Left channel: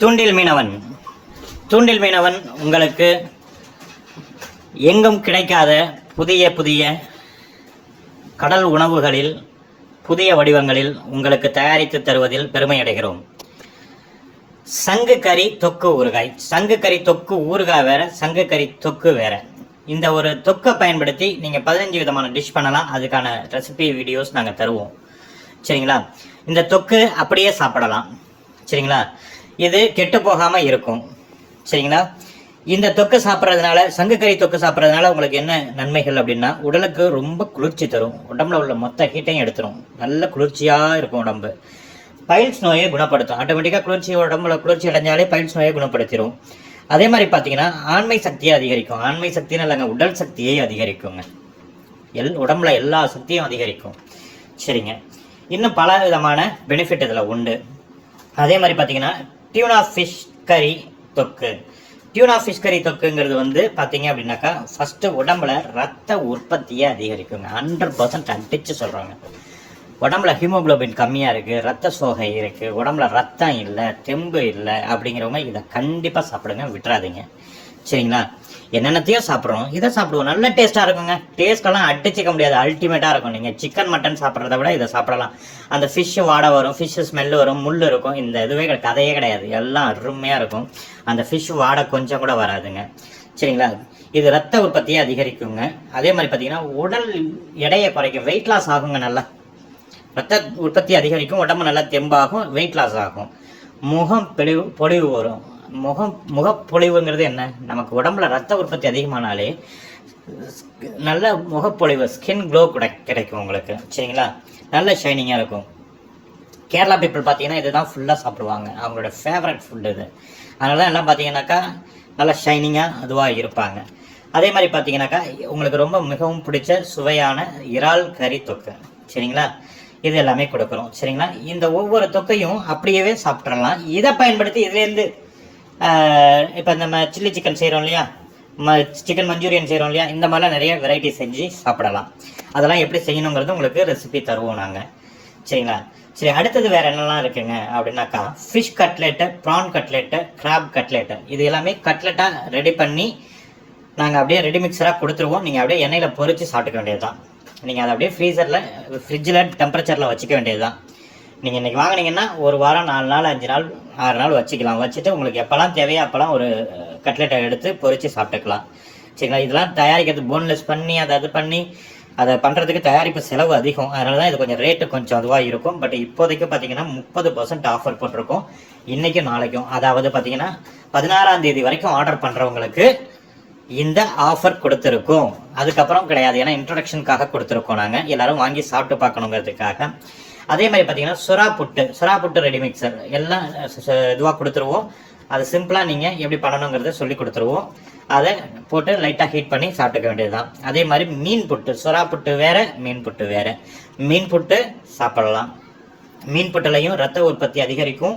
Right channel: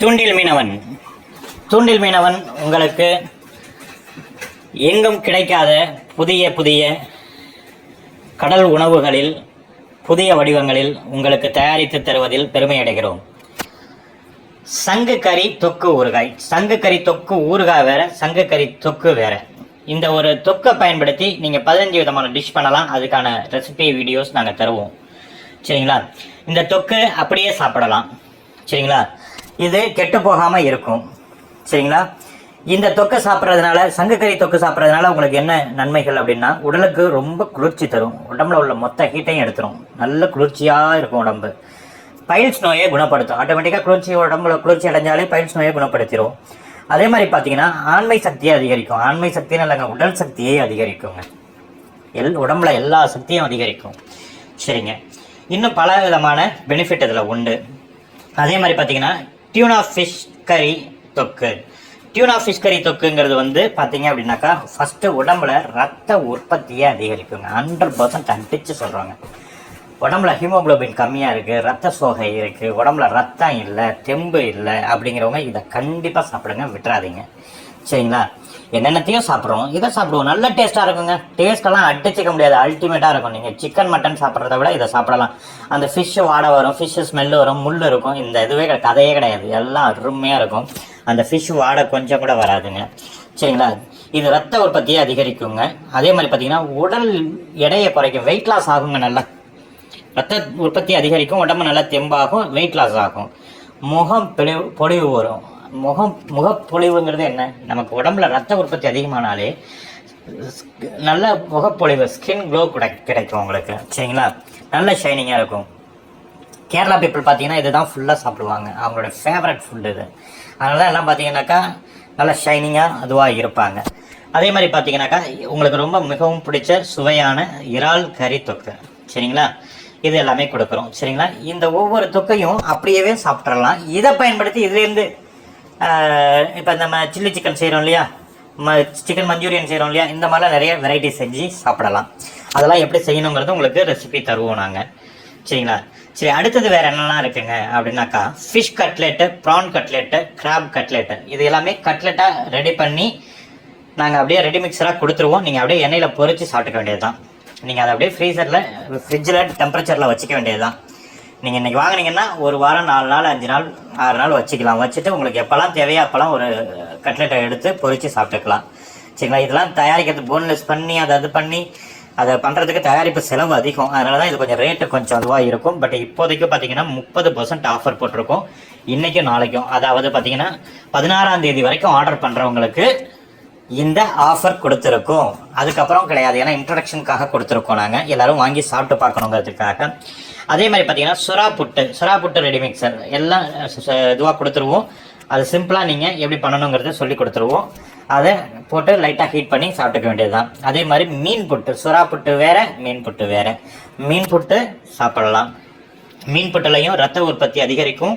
தூண்டில் மீனவன். தூண்டில் மீனவன் உங்களுக்கு எங்கும் கிடைக்காத புதிய புதிய கடல் உணவுகளில் புதிய வடிவங்களில் உங்களுக்கு தயாரித்து தருவதில் பெருமை அடைகிறோம். சங்கு கறி தொக்கு ஊறுகாய். சங்கு கறி தொக்கு ஊறுகாய் வேற, சங்கு கறி தொக்கு வேற. இந்த ஒரு தொக்கை பயன்படுத்தி நீங்கள் 15 விதமான டிஷ் பண்ணலாம். அதுக்கான ரெசிபி வீடியோஸ் நாங்கள் தருவோம். சரிங்களா? இந்த தொக்கு அப்படியே சாப்பிடலாம். சரிங்களா? இது கெட்டு போகாமல் இருக்கும். சரிங்களா? இந்த தொக்கு சாப்பிட்றதுனால, சங்கு கறி தொக்கு சாப்பிட்றதுனால உங்களுக்கு என்ன நன்மைகள் அப்படின்னா, உடலுக்கு ரொம்ப குளிர்ச்சி தரும். உடம்புல உள்ள மொத்த ஹீட்டையும் எடுத்துரும். நல்ல குளிர்ச்சியாக இருக்கும் உடம்பு. பைல்ஸ் நோயை குணப்படுத்தும். ஆட்டோமேட்டிக்காக உடம்புல குளிர்ச்சி அடைஞ்சாலே பைல்ஸ் நோயை குணப்படுத்திடும். அதே மாதிரி பார்த்தீங்கன்னா ஆண்மை சக்தியை அதிகரிக்கும். ஆண்மை சக்தின்னு இல்லைங்க, உடல் சக்தியை அதிகரிக்குங்க. உடம்புல எல்லா சக்தியும் அதிகரிக்கும். சரிங்க. இன்னும் பல விதமான பெனிஃபிட் இதில் உண்டு. அதே மாதிரி பார்த்தீங்கன்னா டியூனா ஃபிஷ் கறி தொக்கு. டியூனா ஃபிஷ் கறி தொக்குங்கிறது வந்து பார்த்தீங்க அப்படின்னாக்கா, ஃபஸ்ட்டு உடம்புல ரத்த உற்பத்தியை அதிகரிக்குங்க. 100% அடிச்சு சொல்கிறாங்க. உடம்புல ஹீமோகுளோபின் கம்மியாக இருக்குது, ரத்த சோகை இருக்குது, உடம்புல ரத்தம் இல்லை, தெம்பு இல்லை அப்படிங்கிறவங்க இதை கண்டிப்பாக சாப்பிடுங்க, விட்டுறாதீங்க. சரிங்களா? என்னென்னத்தையும் சாப்பிட்றோம், இதை சாப்பிடுவோம். நல்ல டேஸ்ட்டாக இருக்குங்க. டேஸ்ட்டெல்லாம் அடிச்சிக்க முடியாது, அல்டிமேட்டாக இருக்கும். நீங்கள் சிக்கன் மட்டன் சாப்பிட்றத விட இதை சாப்பிடலாம். அந்த ஃபிஷ்ஷு வாடை வரும், ஃபிஷ்ஷு ஸ்மெல்லு வரும், முள் இருக்கும். இந்த இதுவே கதையே கிடையாது, எல்லாம் அருமையாக இருக்கும். அந்த ஃபிஷ்ஷு வாடை கொஞ்சம் கூட வராதுங்க. சரிங்களா? இது ரத்த உற்பத்தியை அதிகரிக்குங்க. அதே மாதிரி பார்த்தீங்கன்னா உடல் எடையை குறைக்கும், வெயிட் லாஸ் ஆகுங்க. நல்லா ரத்த உற்பத்தி அதிகரிக்கும், உடம்பு நல்லா தெம்பாகும், வெயிட் லாஸ் ஆகும், முகம் பொலிவு வரும். முகப்பொழிவுங்கிறது என்ன? நமக்கு உடம்புல ரத்த உற்பத்தி அதிகமானாலே நல்ல முகப்பொழிவு, ஸ்கின் க்ளோ கிடைக்கும் உங்களுக்கு. சரிங்களா? நல்ல ஷைனிங்காக இருக்கும். கேரளா பீப்புள் பார்த்தீங்கன்னா இதுதான் ஃபுல்லாக சாப்பிடுவாங்க. அவங்களோட ஃபேவரட் ஃபுட் இது. அதனால தான் எல்லாம் பார்த்தீங்கன்னாக்கா நல்லா ஷைனிங்காக அதுவாக இருப்பாங்க. அதே மாதிரி பார்த்தீங்கன்னாக்கா உங்களுக்கு ரொம்ப மிகவும் பிடிச்ச சுவையான இறால் கறி தொக்கு. சரிங்களா? இது எல்லாமே கொடுக்குறோம். சரிங்களா? இந்த ஒவ்வொரு தொக்கையும் அப்படியே சாப்பிட்றலாம். இதை பயன்படுத்தி இதுலேருந்து இப்போ நம்ம சில்லி சிக்கன் செய்கிறோம் இல்லையா, சிக்கன் மஞ்சூரியன் செய்கிறோம் இல்லையா, இந்த மாதிரிலாம் நிறைய வெரைட்டி செஞ்சு சாப்பிடலாம். அதெல்லாம் எப்படி செய்யணுங்கிறது உங்களுக்கு ரெசிபி தருவோம் நாங்கள். சரிங்களா? சரி, அடுத்தது வேறு என்னெல்லாம் இருக்குங்க அப்படின்னாக்கா, fish cutlet, prawn cutlet, crab cutlet. இது எல்லாமே கட்லெட்டாக ரெடி பண்ணி நாங்கள் அப்படியே ரெடி மிக்சராக கொடுத்துருவோம். நீங்கள் அப்படியே எண்ணெயில் பொரித்து சாப்பிட்டுக்க வேண்டியது தான். நீங்கள் அதை அப்படியே ஃப்ரிட்ஜில் டெம்பரேச்சரில் வச்சுக்க வேண்டியது தான். நீங்கள் இன்றைக்கி வாங்கினீங்கன்னா ஒரு வாரம், 4 நாள், 5 நாள், 6 நாள் வச்சுக்கலாம். வச்சுட்டு உங்களுக்கு எப்போல்லாம் தேவையோ அப்போல்லாம் ஒரு கட்லெட்டை எடுத்து பொரித்து சாப்பிட்டுக்கலாம். சரிங்களா? இதெல்லாம் தயாரிக்கிறது போன்லெஸ் பண்ணி அதை பண்ணி அதை பண்ணுறதுக்கு தயாரிப்பு செலவு அதிகம். அதனால தான் இது கொஞ்சம் ரேட்டு கொஞ்சம் அதுவாக இருக்கும். பட் இப்போதைக்கு பார்த்தீங்கன்னா 30% ஆஃபர் போட்டிருக்கோம், இன்றைக்கும் நாளைக்கும். அதாவது பார்த்தீங்கன்னா 16ஆம் தேதி வரைக்கும் ஆர்டர் பண்ணுறவங்களுக்கு இந்த ஆஃபர் கொடுத்துருக்கோம். அதுக்கப்புறம் கிடையாது, ஏன்னா இன்ட்ரடக்ஷனுக்காக கொடுத்துருக்கோம். நாங்கள் எல்லோரும் வாங்கி சாப்பிட்டு பார்க்கணுங்கிறதுக்காக. அதே மாதிரி பார்த்தீங்கன்னா சுறா புட்டு ரெடி மிக்சர் எல்லாம் இதுவாக கொடுத்துருவோம். அது சிம்பிளாக நீங்கள் எப்படி பண்ணணுங்கிறத சொல்லி கொடுத்துருவோம். அதை போட்டு லைட்டாக ஹீட் பண்ணி சாப்பிட்டுக்க வேண்டியது தான். அதே மாதிரி மீன் புட்டு, சுறா புட்டு வேறு, மீன் புட்டு வேறு. மீன் புட்டு சாப்பிடலாம். மீன் புட்டுலையும் ரத்த உற்பத்தி அதிகரிக்கும்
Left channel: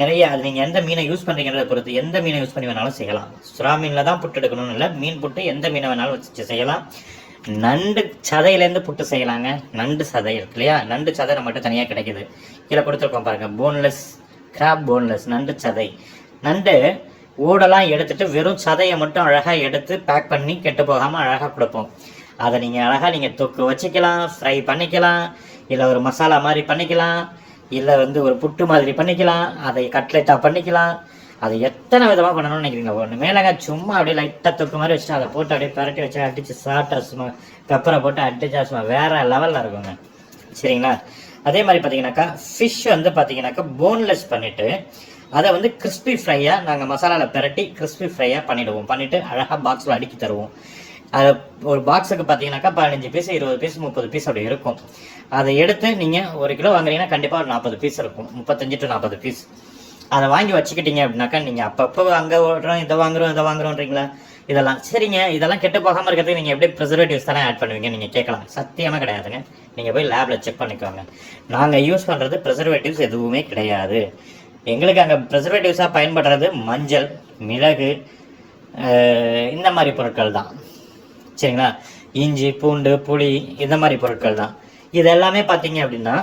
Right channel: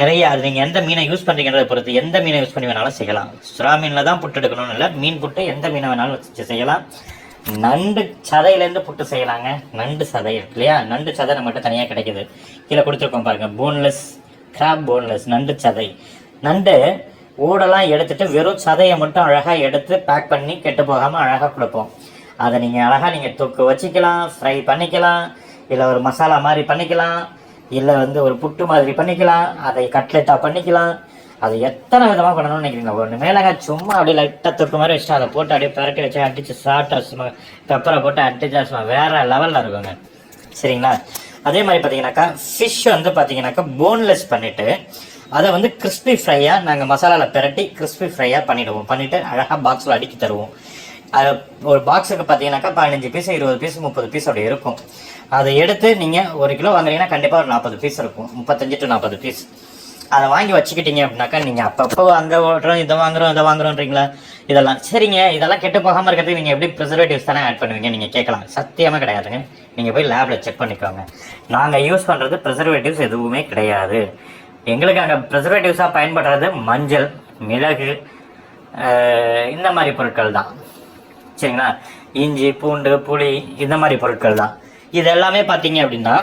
நிறைய. அது நீங்கள் எந்த மீனை யூஸ் பண்ணுறீங்கிறத பொறுத்து எந்த மீனை யூஸ் பண்ணி வேணாலும் செய்யலாம். சுறா மீனில் தான் புட்டு எடுக்கணும்னு இல்லை, மீன் புட்டு எந்த மீனை வேணாலும் வச்சு செய்யலாம். நண்டு சதையிலேருந்து புட்டு செய்யலாங்க. நண்டு சதை இருக்கு இல்லையா, நண்டு சதை நம்மகிட்ட தனியாக கிடைக்கிது. கீழே கொடுத்துருக்கோம் பாருங்கள், போன்லெஸ் கிராப், போன்லெஸ் நண்டு சதை. நண்டு ஓடெல்லாம் எடுத்துட்டு வெறும் சதையை மட்டும் அழகாக எடுத்து பேக் பண்ணி கெட்டு போகாமல் அழகாக கொடுப்போம். அதை நீங்கள் அழகாக நீங்கள் தொக்கு வச்சுக்கலாம், ஃப்ரை பண்ணிக்கலாம், இல்லை ஒரு மசாலா மாதிரி பண்ணிக்கலாம், இல்லை வந்து ஒரு புட்டு மாதிரி பண்ணிக்கலாம், அதை கட்லெட்டாக பண்ணிக்கலாம். அதை எத்தனை விதமாக பண்ணணும்னு நினைக்கிறீங்களா? ஒன்று மேலே சும்மா அப்படியே லைட்டாக தொக்கு மாதிரி வச்சுட்டு அதை போட்டு அப்படியே பெரட்டி வச்சு அடித்து சாப்பிட்டா சும்மா பெப்பரை போட்டு அடிச்சா சும்மா வேறு லெவலில் இருக்குங்க. சரிங்களா? அதே மாதிரி பார்த்தீங்கன்னாக்கா ஃபிஷ் வந்து பார்த்தீங்கன்னாக்கா போன்லெஸ் பண்ணிவிட்டு அதை வந்து கிறிஸ்பி ஃப்ரையாக நாங்கள் மசாலாவில் பெரட்டி கிறிஸ்பி ஃப்ரையாக பண்ணிவிடுவோம். பண்ணிவிட்டு அழகாக பாக்ஸில் அடுக்கி தருவோம். அது ஒரு பாக்ஸுக்கு பார்த்தீங்கன்னாக்கா 15 பீஸ், 20 பீஸ், 30 பீஸ் அப்படி இருக்கும். அதை எடுத்து நீங்கள் 1 கிலோ வாங்குறீங்கன்னா கண்டிப்பாக ஒரு 40 பீஸ் இருக்கும், 35 to 40 பீஸ். அதை வாங்கி வச்சுக்கிட்டீங்க அப்படின்னாக்கா நீங்கள் அப்பப்போ அங்கே ஓடுறோம், இதை வாங்குறோன்றீங்களா, இதெல்லாம் சரிங்க. இதெல்லாம் கெட்டு போகாமல் இருக்கிறதுக்கு நீங்கள் எப்படி ப்ரிசர்வேட்டிவ்ஸ் தானே ஆட் பண்ணுவீங்க நீங்கள் கேட்கலாம். சத்தியமாக கிடையாதுங்க. நீங்கள் போய் லேபில் செக் பண்ணிக்கோங்க. நாங்கள் யூஸ் பண்ணுறது ப்ரிசர்வேட்டிவ்ஸ் எதுவுமே கிடையாது. எங்களுக்கு அங்கே ப்ரிசர்வேட்டிவ்ஸாக பயன்படுறது மஞ்சள், மிளகு, இந்த மாதிரி பொருட்கள் தான். சரிங்களா? இஞ்சி, பூண்டு, புளி, இந்த மாதிரி பொருட்கள் தான். இது எல்லாமே பார்த்தீங்க அப்படின்னா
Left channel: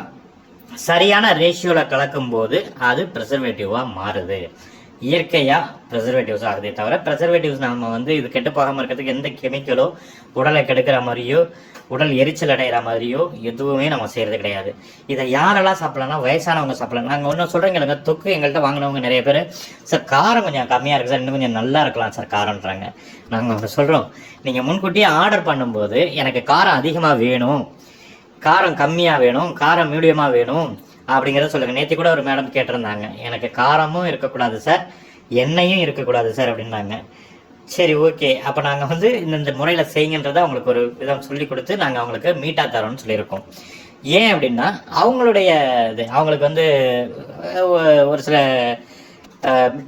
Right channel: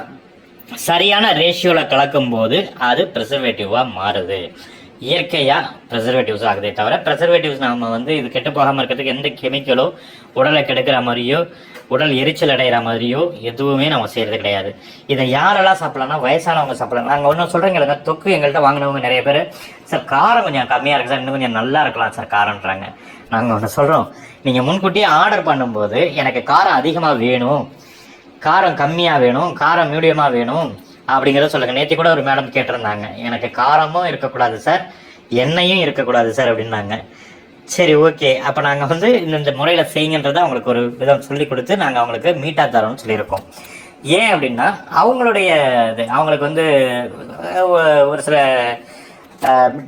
சரியான ரேஷியோவில் கலக்கும் போது அது ப்ரிசர்வேட்டிவாக மாறுது. இயற்கையாக ப்ரெசர்வேட்டிவ்ஸ் ஆகுதே தவிர ப்ரெசர்வேட்டிவ்ஸ் நம்ம வந்து இது கெட்டு போகாமல் இருக்கிறதுக்கு எந்த கெமிக்கலோ உடலை கெடுக்கிற மாதிரியோ உடல் எரிச்சல் அடைகிற மாதிரியோ எதுவுமே நம்ம செய்கிறது கிடையாது. இதை யாரெல்லாம் சாப்பிட்லாம்னா வயசானவங்க சாப்பிடலாம். நாங்கள் ஒன்றும் சொல்கிறீங்க, தொக்கு எங்கள்கிட்ட வாங்கினவங்க நிறைய பேர் சார் காரம் கொஞ்சம் கம்மியாக இருக்குது சார், இன்னும் கொஞ்சம் நல்லா இருக்கலாம் சார் காரம்ன்றாங்க. நாங்கள் ஒன்று சொல்கிறோம், நீங்கள் முன்கூட்டியே ஆர்டர் பண்ணும்போது எனக்கு காரம் அதிகமாக வேணும், காரம் கம்மியாக வேணும், காரம் மீடியமாக வேணும் அப்படிங்கிறத சொல்லுங்கள். நேற்று கூட ஒரு மேடம் கேட்டிருந்தாங்க, எனக்கு காரமும் இருக்கக்கூடாது சார், எண்ணெயும் இருக்கக்கூடாது சார் அப்படின்னாங்க. சரி ஓகே, அப்போ நாங்கள் வந்து இந்த முறையில் செய்யுங்கன்றதை அவங்களுக்கு ஒரு விதம் சொல்லி கொடுத்து நாங்கள் அவங்களுக்கு மீட்டாக தரோம்னு சொல்லியிருக்கோம். ஏன் அப்படின்னா அவங்களுடைய இது அவங்களுக்கு வந்து ஒரு சில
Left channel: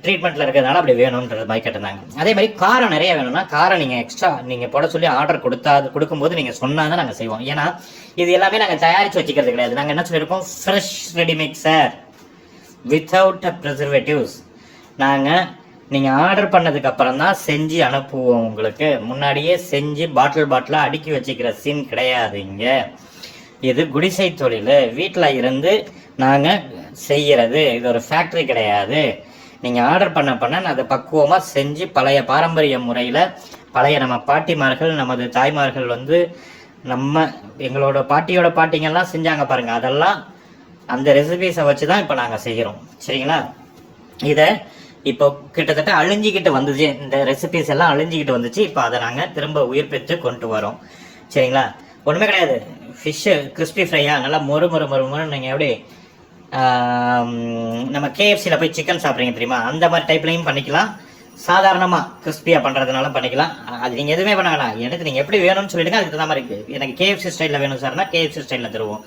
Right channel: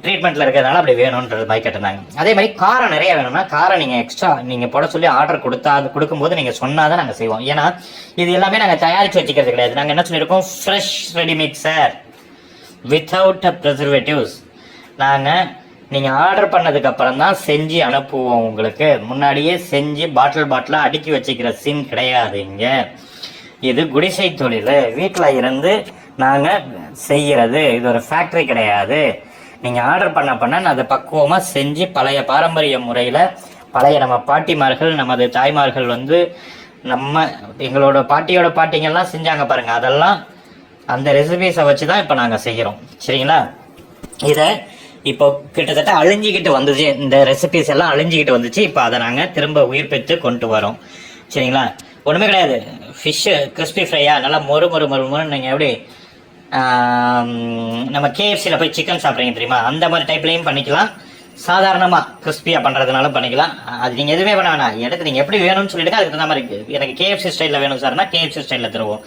ட்ரீட்மெண்ட்டில் இருக்கிறதுனால அப்படி வேணுன்றது மாதிரி கேட்டிருந்தாங்க. அதே மாதிரி காரம் நிறைய வேணும்னா காரம் நீங்கள் எக்ஸ்ட்ரா நீங்கள் போட சொல்லி ஆர்டர் கொடுக்கும்போது நீங்கள் சொன்னால் தான் நாங்கள் செய்வோம். ஏன்னா இது எல்லாமே நாங்கள் தயாரித்து வச்சுக்கிறது கிடையாது. நாங்கள் என்ன சொல்லியிருக்கோம், ஃப்ரெஷ் ரெடிமிக்சர் வித்தவுட் ப்ரிசர்வேட்டிவ்ஸ். நாங்கள் நீங்கள் ஆர்டர் பண்ணதுக்கப்புறம் தான் செஞ்சு அனுப்புவோம். உங்களுக்கு முன்னாடியே செஞ்சு பாட்டிலாக அடுக்கி வச்சுக்கிற சீன் கிடையாது. இங்கே இது குடிசை தொழில், வீட்டில் இருந்து நாங்கள் செய்கிறது, இது ஒரு ஃபேக்ட்ரி கிடையாது. நீங்கள் ஆர்டர் பண்ண நான் அதை பக்குவமாக செஞ்சு பழைய பாரம்பரிய முறையில் பழைய நம்ம பாட்டிமார்கள் நமது தாய்மார்கள் வந்து எங்களோட பாட்டியோட பாட்டிங்கெல்லாம் செஞ்சாங்க பாருங்கள், அதெல்லாம் அந்த ரெசிபீஸை வச்சு தான் இப்போ நாங்கள் செய்கிறோம். சரிங்களா? இதை இப்போ கிட்டத்தட்ட அழிஞ்சிக்கிட்டு வந்துச்சு, இந்த ரெசிபீஸ் எல்லாம் அழிஞ்சிக்கிட்டு வந்துச்சு. இப்போ அதை நாங்கள் திரும்ப உயிர் பெற்று கொண்டு வரோம். சரிங்களா? ஒன்றுமே கிடையாது. ஃபிஷ்ஷு கிறிஸ்பி ஃப்ரையாக நல்லா மொறு நீங்கள் எப்படி நம்ம கேஎஃப்சியில் போய் சிக்கன் சாப்பிட்றீங்க தெரியுமா, அந்த மாதிரி டைப்லையும் பண்ணிக்கலாம். சாதாரணமாக கிறிஸ்பியாக பண்ணுறதுனால பண்ணிக்கலாம். அது நீங்கள் எதுவுமே பண்ண வேணாம், எனக்கு நீங்கள் எப்படி வேணும்னு சொல்லிவிடுங்க. அதுக்கு தகுந்த மாதிரி எனக்கு கேஎஃப்சி ஸ்டைலில் வேணும் சார்னா கேஎஃப்சி ஸ்டைலில் தருவோம்.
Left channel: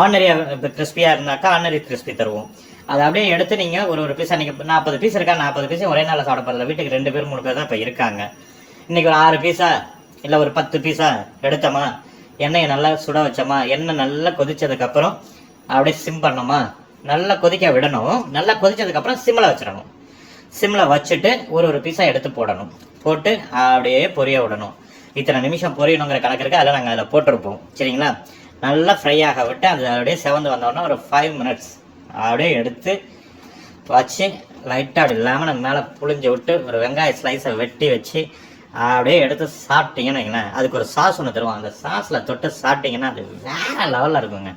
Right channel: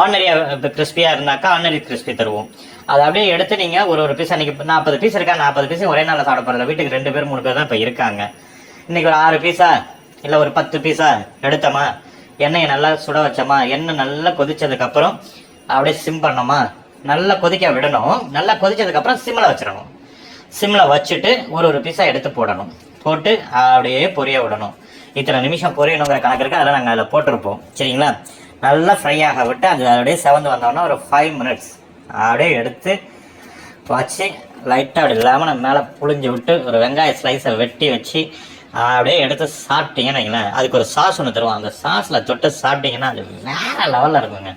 ஆர்டினரியாக கிறிஸ்பியாக இருந்தாக்கா ஆர்டினரி கிறிஸ்பி தருவோம். அதை அப்படியே எடுத்து நீங்கள் ஒரு பீஸ், அன்றைக்கி 40 பீஸ் இருக்கா, 40 பீஸ் ஒரே நாளில் சாப்பிட போகிறதில்ல. வீட்டுக்கு 2 பேர் 3 பேர் தான் இப்போ இருக்காங்க. இன்றைக்கி ஒரு 6 பீஸா இல்லை ஒரு 10 பீஸா எடுத்தோமா, எண்ணெயை நல்லா சுட வச்சோமா, எண்ணெய் நல்லா கொதிச்சதுக்கப்புறம் அப்படியே சிம் பண்ணோமா, நல்லா கொதிக்க விடணும். நல்லா கொதிச்சதுக்கப்புறம் சிம்மில் வச்சிடணும். சிம்மில் வச்சுட்டு ஒரு பீஸாக எடுத்து போடணும். போட்டு அப்படியே பொரிய விடணும். இத்தனை நிமிஷம் பொரியணுங்கிற கணக்கு இருக்குது, அதில் நாங்கள் அதில் போட்டிருப்போம். சரிங்களா? நல்லா ஃப்ரை ஆக விட்டு அது அப்படியே செவந்து வந்தோன்னா ஒரு 5 மினிட்ஸ் அப்படியே எடுத்து வச்சு லைட்டாக அப்படி லெமனை மேலே புழிஞ்சு விட்டு ஒரு வெங்காய ஸ்லைஸை வெட்டி வச்சு அப்படியே எடுத்து சாப்பிட்டீங்கன்னு வைங்களேன். அதுக்கு ஒரு சாஸ் ஒன்று தருவோம். அந்த சாஸில் தொட்டு சாப்பிட்டீங்கன்னா அது வேறு லெவலில் இருக்குங்க.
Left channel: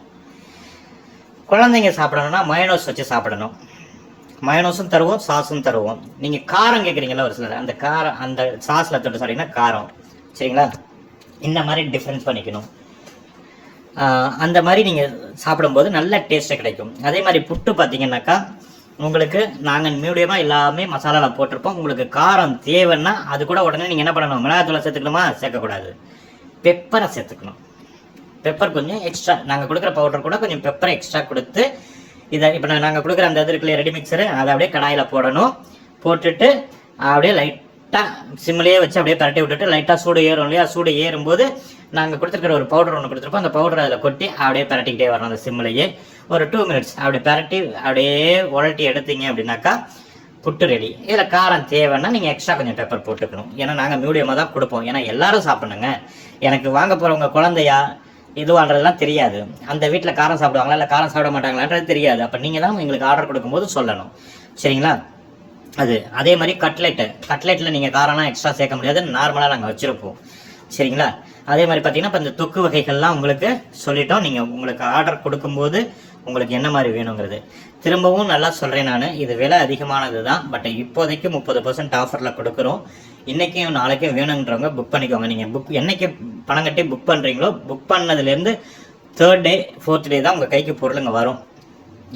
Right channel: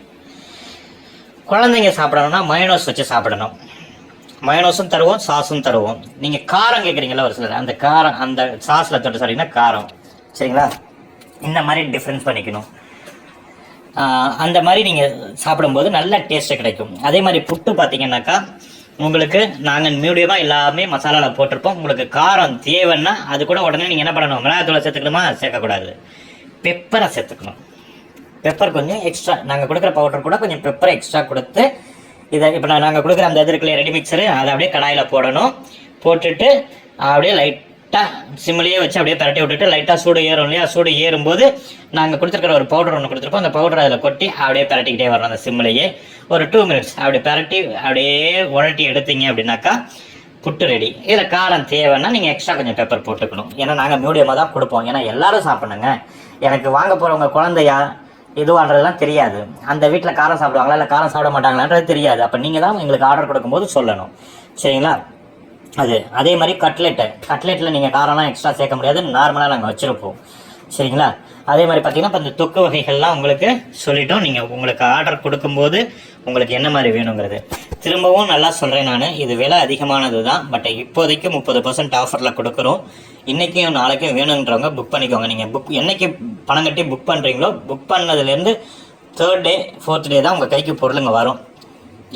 குழந்தைங்க சாப்பிடணும்னா மயோனோஸ் வச்சு சாப்பிடணும். மயோனோஸும் தருவோம், சாஸும் தருவோம். நீங்கள் காரம் கேட்குறீங்களா ஒரு சிலர், அந்த காரம் அந்த சாஸில் தொட்டு சாப்பிட்டீங்கன்னா காரம். சரிங்களா? இந்த மாதிரி டிஃப்ரென்ஸ் பண்ணிக்கணும். அந்த மாதிரி நீங்கள் சாப்பிடும்போது நல்ல டேஸ்ட்டு கிடைக்கும். அதே மாதிரி புட்டு பார்த்தீங்கன்னாக்கா உங்களுக்கு நாங்கள் மீடியமாக எல்லாமே மசாலாவில் போட்டிருப்போம். உங்களுக்கு காரம் தேவைன்னா அது கூட உடனே நீங்கள் என்ன பண்ணணும், மிளகாத்தூளை சேர்த்துக்கணுமா, சேர்க்கக்கூடாது, பெப்பரை சேர்த்துக்கணும். பெப்பர் கொஞ்சம் எக்ஸ்ட்ரா, நாங்கள் கொடுக்குற பவுடர் கூட கொஞ்சம் பெப்பரை எக்ஸ்ட்ரா கொடுத்து இதை இப்போ நாங்கள் கொடுக்குற அந்த இதுக்குள்ளே ரெடி மிக்சரு அதை அப்படியே கடாயில் போடணும். போட்டுட்டு அப்படியே லைட்டாக சிம்மிலேயே வச்சு அப்படியே பரட்டி விட்டுட்டு லைட்டாக சூடு ஏறும் இல்லையா, சூடு ஏறும்போது நாங்கள் கொடுத்துருக்கிற ஒரு பவுடர் ஒன்று கொடுத்துருப்போம். அந்த பவுடர் அதில் கொட்டி அப்படியே பரட்டிக்கிட்டே வரணும். அந்த சிம்மிலேயே ஒரு 2 மினிட்ஸ் அப்படி பரட்டி அப்படியே உரட்டி எடுத்தீங்க அப்படின்னாக்கா புட்டு ரெடி. இதில் காரம் தேவைன்னா நீங்கள் எக்ஸ்ட்ரா கொஞ்சம் பெப்பர் போட்டுக்கணும். ஏன்னா நாங்கள் மீடியமாக தான் கொடுப்போம். ஏன்னா எல்லாரும் சாப்பிட்ணுங்க. எனக்கு வாங்க போகிறவங்க குழந்தையா இதுவான்றதுலாம் தெரியாது. அந்த வீட்டில் காரம் சாப்பிடுவாங்களா இல்லை காரம் சாப்பிட மாட்டாங்களான்றது தெரியாது. அப்போ நீங்கள் தான் எங்களுக்கு ஆர்டர் கொடுக்கும்போது சொல்லணும். சரிங்களா? அதே மாதிரி கட்லெட்டில் நீங்கள் காரம்லாம் எக்ஸ்ட்ரா சேர்க்க முடியாது, நார்மலாக நாங்கள் வச்சுருப்போம். சரிங்களா? அதே மாதிரி பார்த்தீங்கன்னா இப்போ இந்த தொக்கு வகைகள்லாம் உங்களுக்கு சொல்லிட்டோம். நீங்கள் உங்களுக்கு ஆர்டர் கொடுக்கும்போது உங்களுக்கு என்ன மாதிரி வேணுங்கிறது திரும்பவும் நல்லா சொல்கிறேன். நான் இது விலை அதிகமானது தான், பட் இப்போதைக்கு 30% ஆஃபரில் கொடுக்குறோம். இன்றைக்கும் நாளைக்கும் வேணுன்றவங்க புக் பண்ணிக்கோங்க. நீங்கள் என்னைக்கு பணம் கட்டி புக் பண்ணுறீங்களோ புக் பண்ணதுலேருந்து 3rd டே 4th டே தான் உங்கள் கைக்கு பொருளுங்க வரும்.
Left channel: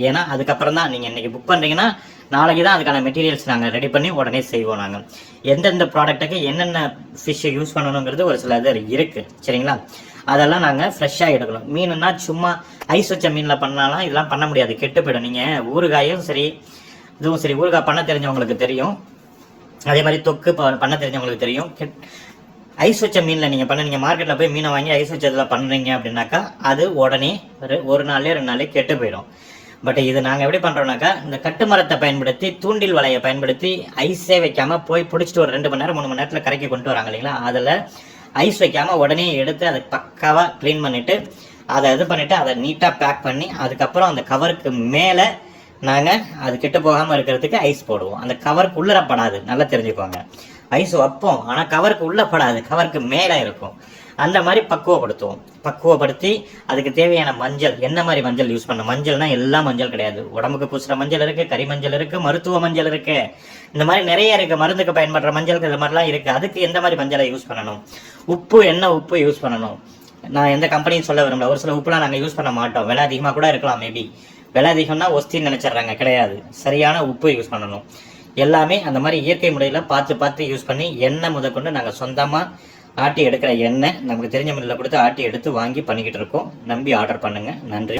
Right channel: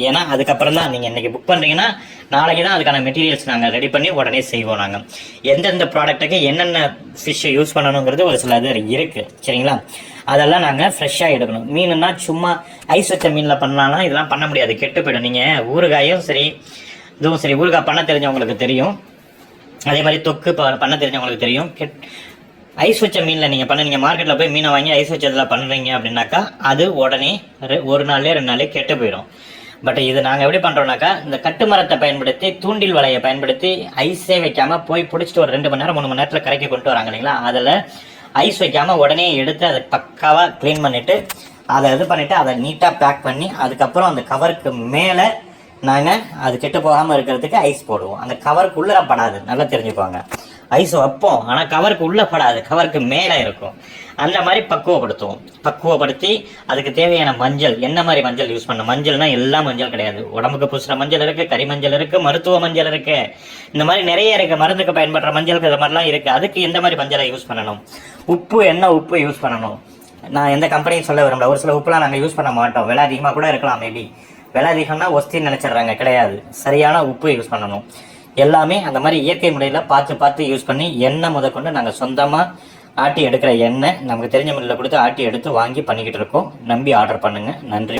ஏன்னா அதுக்கப்புறம் தான் நீங்கள் இன்றைக்கி புக் பண்ணுறீங்கன்னா நாளைக்கு தான் அதுக்கான மெட்டீரியல்ஸ் நாங்கள் ரெடி பண்ணி உடனே செய்வோம். நாங்கள் எந்தெந்த ப்ராடக்ட்டுக்கு என்னென்ன ஃபிஷ்ஷை யூஸ் பண்ணணுங்கிறது ஒரு சில இது இருக்குது. சரிங்களா? அதெல்லாம் நாங்கள் ஃப்ரெஷ்ஷாக எடுக்கணும். மீனுன்னா சும்மா ஐஸ் வச்ச மீனில் பண்ணலாம், இதெல்லாம் பண்ண முடியாது, கெட்டு போய்டும். நீங்கள் ஊறுகாயும் சரி இதுவும் சரி, ஊறுகாய் பண்ண தெரிஞ்சவங்களுக்கு தெரியும், அதே மாதிரி தொக்கு பண்ண தெரிஞ்சவங்களுக்கு தெரியும். ஐஸ் வச்ச மீனில் நீங்கள் மார்க்கெட்டில் போய் மீனை வாங்கி ஐஸ் வச்சதில் பண்ணுறீங்க அப்படின்னாக்கா அது உடனே 1 நாள்லேயே 2 நாள்லேயே கெட்டு போயிடும். பட் இது நாங்கள் எப்படி பண்ணுறோம்னாக்கா இந்த கட்டு மரத்தை பயன்படுத்தி தூண்டில் வலையை பயன்படுத்தி ஐஸே வைக்காமல் போய் பிடிச்சிட்டு ஒரு 2 மணி நேரம் 3 மணி நேரத்தில் கரைக்கி கொண்டு வராங்க இல்லைங்களா, அதில் ஐஸ் வைக்காமல் உடனே எடுத்து அதை பக்காவாக க்ளீன் பண்ணிவிட்டு அதை இது பண்ணிவிட்டு அதை நீட்டாக பேக் பண்ணி அதுக்கப்புறம் அந்த கவருக்கு மேலே நாங்கள் அது கெட்டு போகாமல் இருக்கிறதுக்கு ஐஸ் போடுவோம். அந்த கவருக்கு உள்ளப்படாது, நல்லா தெரிஞ்சுக்கோங்க. ஐஸ் வைப்போம், ஆனால் கவருக்கு உள்ளப்படாது, கவருக்கு மேலே இருக்கும். அந்த மாதிரி பக்குவப்படுத்தி அதுக்கு தேவையான மஞ்சள், என்ன மாதிரி மஞ்சள் யூஸ் பண்ணணும். மஞ்சள்னா எல்லா மஞ்சள் கிடையாது, உடம்புக்கு பூசுகிற மஞ்சள் இருக்குது, கறி மஞ்சள் இருக்குது, மருத்துவ மஞ்சள் இருக்குது, இந்த மாதிரி நிறைய இருக்குது. மருந்துக்கு பயன்படுற மஞ்சள் இந்த மாதிரிலாம் இருக்குது. அதுக்கு எந்த மாதிரி மஞ்சளை யூஸ் பண்ணணும். உப்பு, என்ன உப்பு யூஸ் பண்ணணும். நான் எந்த கம்பெனியும் சொல்ல விரும்பல, ஒரு சில உப்புலாம் நாங்கள் யூஸ் பண்ண மாட்டோம், விலை அதிகமாக கூட இருக்கலாம். மேபி விலை அதிகம்னா ஒஸ்தின்னு நினச்சிட்றாங்க, கிடையாது. சரியான உப்பு யூஸ் பண்ணணும். எல்லாமே அந்த மாதிரி இயற்கை முறையில் பார்த்து யூஸ் பண்ணி, எண்ணெய் முதற்கொண்டு நாங்கள் சொந்தமாக ஆட்டி எடுக்கிற எண்ணெய் நமக்கு தெரிஞ்ச முறையில் கொடுத்து ஆட்டி எடுத்து வாங்கி பண்ணிக்கிட்டு இருக்கோம். நம்பி ஆர்டர் பண்ணுங்கள். நன்றி.